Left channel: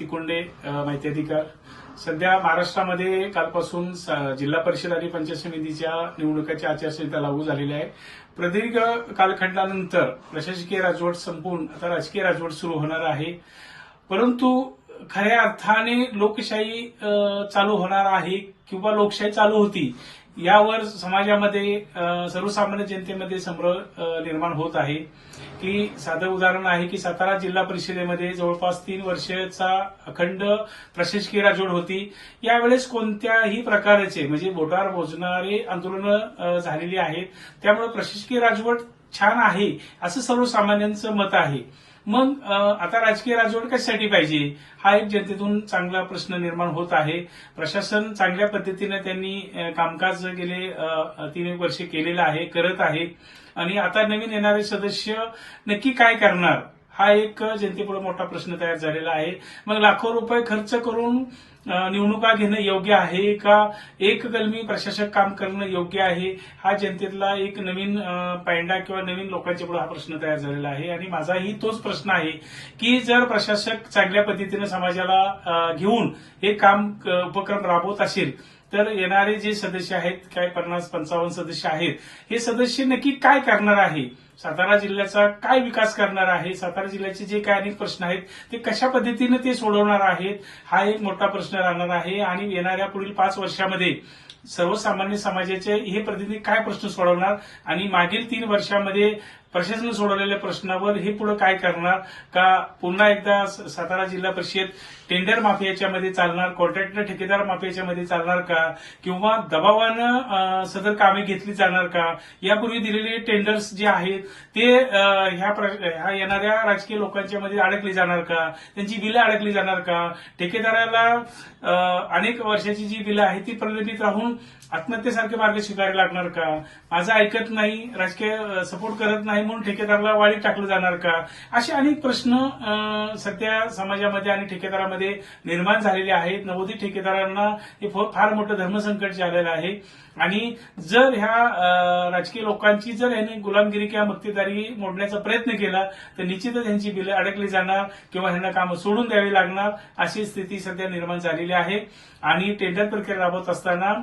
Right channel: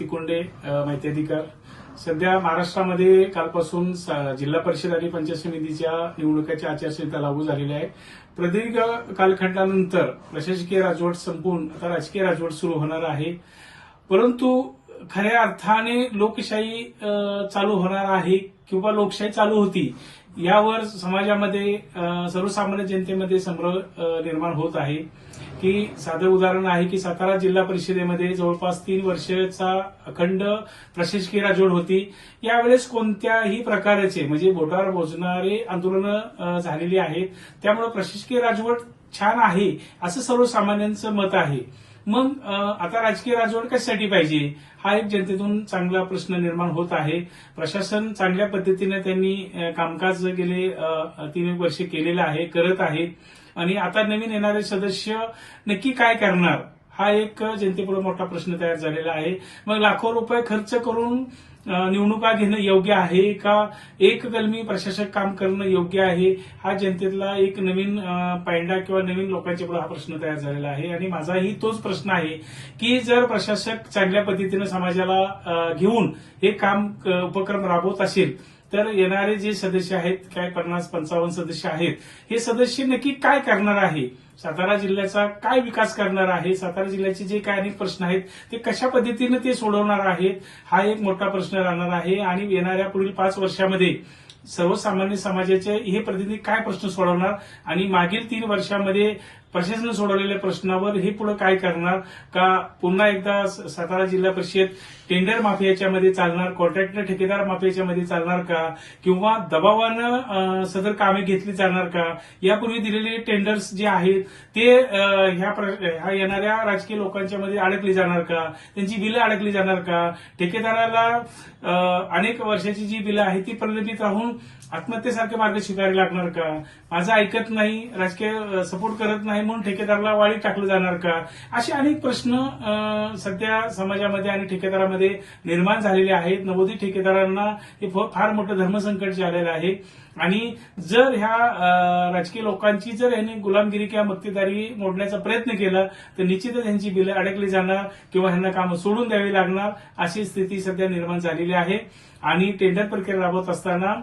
तिकुंडे, माहिती अधिकार. सध्या महाराष्ट्रामध्ये कालपासून जिल्हा परिषद आणि पंचायत समितीच्या निवडणुकीची आचारसंहिता लागू झालेली आहे. प्रदीर्घ कालखंडानंतर प्रशासकीय राजवट संपून आता राजकीय राजवट सुरू होणार आहे. परंतु खऱ्या अर्थाने लोकशाही चालू होणार आहे किंवा लोकशाही चालू होती यावर समाजामध्ये सर्वसामान्य जनतेमध्ये संभ्रम निर्माण होत आहे. की साधं उदाहरण आहे की सातारा जिल्हा परिषदेमध्ये जवळपास 3 वर्षाचा अखंड प्रशासकीय राजवट होती. यावेळेस कोणत्याही प्रकारचे म्हणजे बोटावर मोजणारे आंदोलनं झालेली आहेत. त्यामुळे प्रशासकीय राजवट छान आहे असं सर्वसामान्यांचं मत आहे. मग आता राजकीय राजवट कशासाठी पाहिजे हा एक जनतेतून चांगला प्रश्न निर्माण होत आहे. प्रशासन चांगल्या पद्धतीने त्यांनी कामकाज गेले 3 वर्षे केलेलं आहे, करत आहे आणि आता नवीन येणारे सदस्य नक्की काय करणार हा एक जनतेपुढे मोठा प्रश्न तयार झालेला आहे. मग लाखो रुपये खर्च करून निवडणुका घेणं योग्य आहे का, एक कलमी प्रशासक काम करणं योग्य आहे, हा जनतेतला एक नवीन पायंडा किंवा नवीन लोकांच्या पुढे हा प्रश्न तयार झालेला आहे. आणि माझाही तोच प्रश्न आहे की जर प्रशासक चांगल्या पद्धतीने समाजाला घेऊन हे काम उपक्रम राबवत असेल तर येणारे जे सदस्य आहेत, काय 50-55 सदस्य आहेत, हे सदस्य नक्की काय करणार आहे, सातारा जिल्ह्याचा काय विकास करणार आहे, सातारा जिल्ह्याचे जे काय अनेक प्रश्न आहेत ते कशा पद्धतीने ते सोडवणार आहेत हा एक मोठा प्रश्न राहणार आहे. आणि येणाऱ्या पुढील 5 वर्षामध्ये सर्वसामान्य समाजाचे हे प्रतिनिधी काय प्रश्न सोडवणार आणि मागील 3 वर्षामध्ये प्रशासन सोडवलेल्या प्रश्नावर हे पुढे काय करणार, का पुन्हा एकदा सातारा जिल्हा परिषद टेंडर माफियाच्यामध्ये चालणार, कॉन्ट्रॅक्टर ठेकेदार माफियाच्यामध्ये चालणार का, किंवा दबावानं सदर कामे घेतली जाणार का, यापूर्वी दिलेले टेंडर्स जे आहेत ते ह्या येणाऱ्या राजकीय लोकांच्या मध्ये अडकली जाणार का, त्यांची बिलं अडकली जाणार का, ठेकेदाराला अनेक वर्षाची जी बिलं आहेत ती प्रलंबित राहून आत्महत्येसारखे मार्ग स्वीकारायला लागणार का, माझं ऐकत नाही, राजकीय सपोर्ट करत नाही म्हणून ठेकेदाराला वाळीत टाकलं जाणार का, असे अनेक प्रश्न सध्या समाजामध्ये आणि ठेकेदारामध्ये निर्माण झालेले आहेत. नवोदित ठेकेदारांना हे फार मोठं धर्मसंकट झालेलं आहे. आणि जर ह्या राजकीय लोकांची जर यांनी गुलामगिरी किंवा मक्तेदारी मोडण्याचा प्रयत्न केला तर निश्चितच यांची बिलं अडकली जाणार किंवा ह्यांना कामं सोडून द्यावी लागणार अशी स्थिती सध्या निर्माण झालेली आहे. आणि टेंडर प्रक्रिया राबवत असताना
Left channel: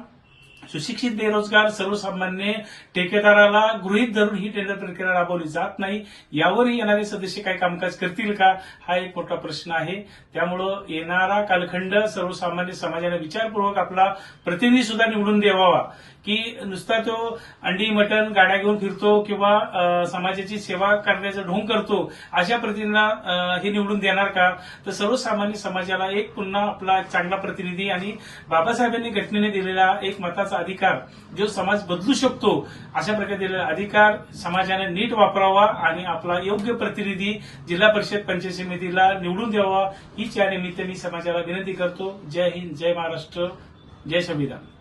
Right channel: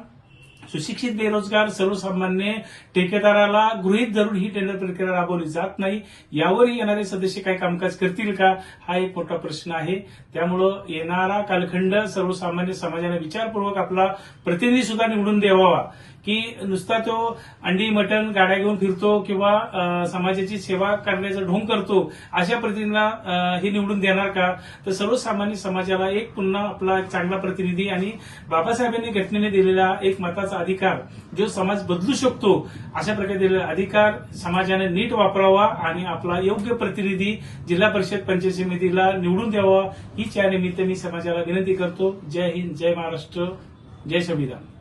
सुशिक्षित बेरोजगार सर्वसामान्य ठेकेदाराला गृहीत धरून ही टेंडर प्रक्रिया राबवली जात नाही. यावरही येणारे सदस्य काय कामकाज करतील का हा एक मोठा प्रश्न आहे. त्यामुळं येणारा कालखंड सर्वसामान्य समाजाने विचारपूर्वक आपला प्रतिनिधी सुद्धा निवडून द्यावा. की नुसता तो अंडी मटण गाड्या घेऊन फिरतो किंवा समाजाची सेवा करण्याचं ढोंग करतो अशा प्रतिनिधीला हे निवडून देणार का, तर सर्वसामान्य समाजाला एक पुन्हा आपला एक चांगला प्रतिनिधी आणि बाबासाहेबांनी घटनेने दिलेला एक मताचा अधिकार जो समाज बदलू शकतो अशा प्रकारे दिलेला अधिकार समाजाने नीट वापरावा आणि आपला योग्य प्रतिनिधी जिल्हा परिषद पंचायत समितीला निवडून द्यावा हीच या निमित्ताने मी समाजाला विनंती करतो. जय हिंद, जय महाराष्ट्र, जय संविधान.